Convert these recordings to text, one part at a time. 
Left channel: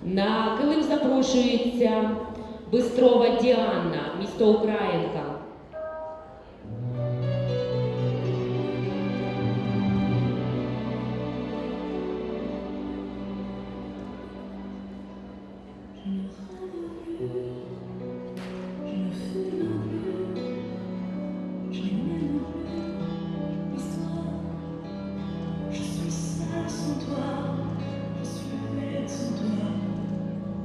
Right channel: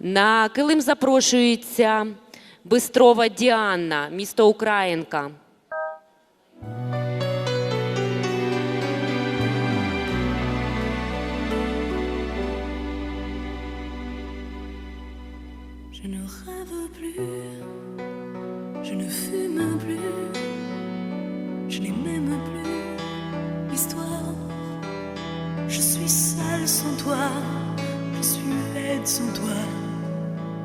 На килим запрошується Бистрова Діана, місто Українка. Je suis laide sans toi,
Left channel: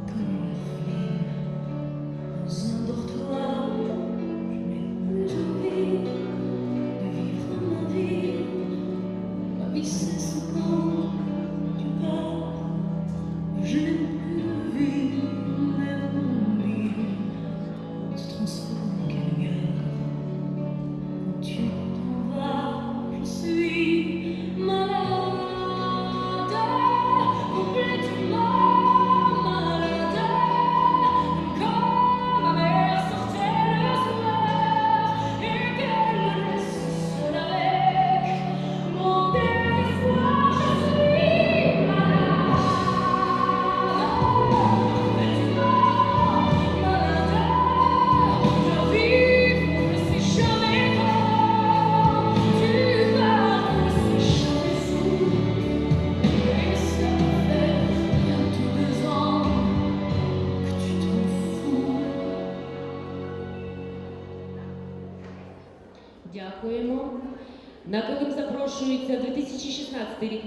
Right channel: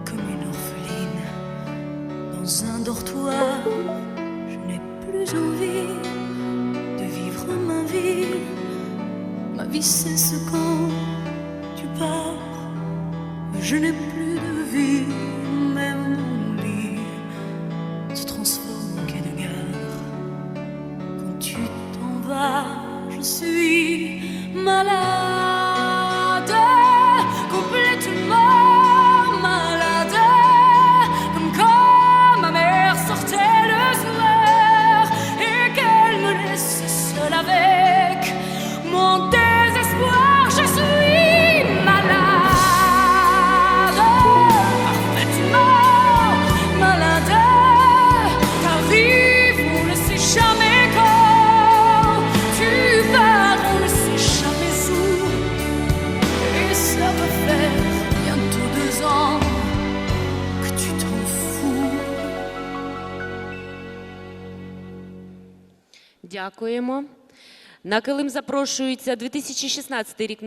comme une orpheline dans un dortoir. Je n'ai plus envie de vivre ma vie, ma vie c'est ce quand tu pars. Je n'aime plus de vie, même mon lit se transforme en quai de gare. Quand tu t'en vas, je suis Дякуємо. На килим запрошується 2016 рік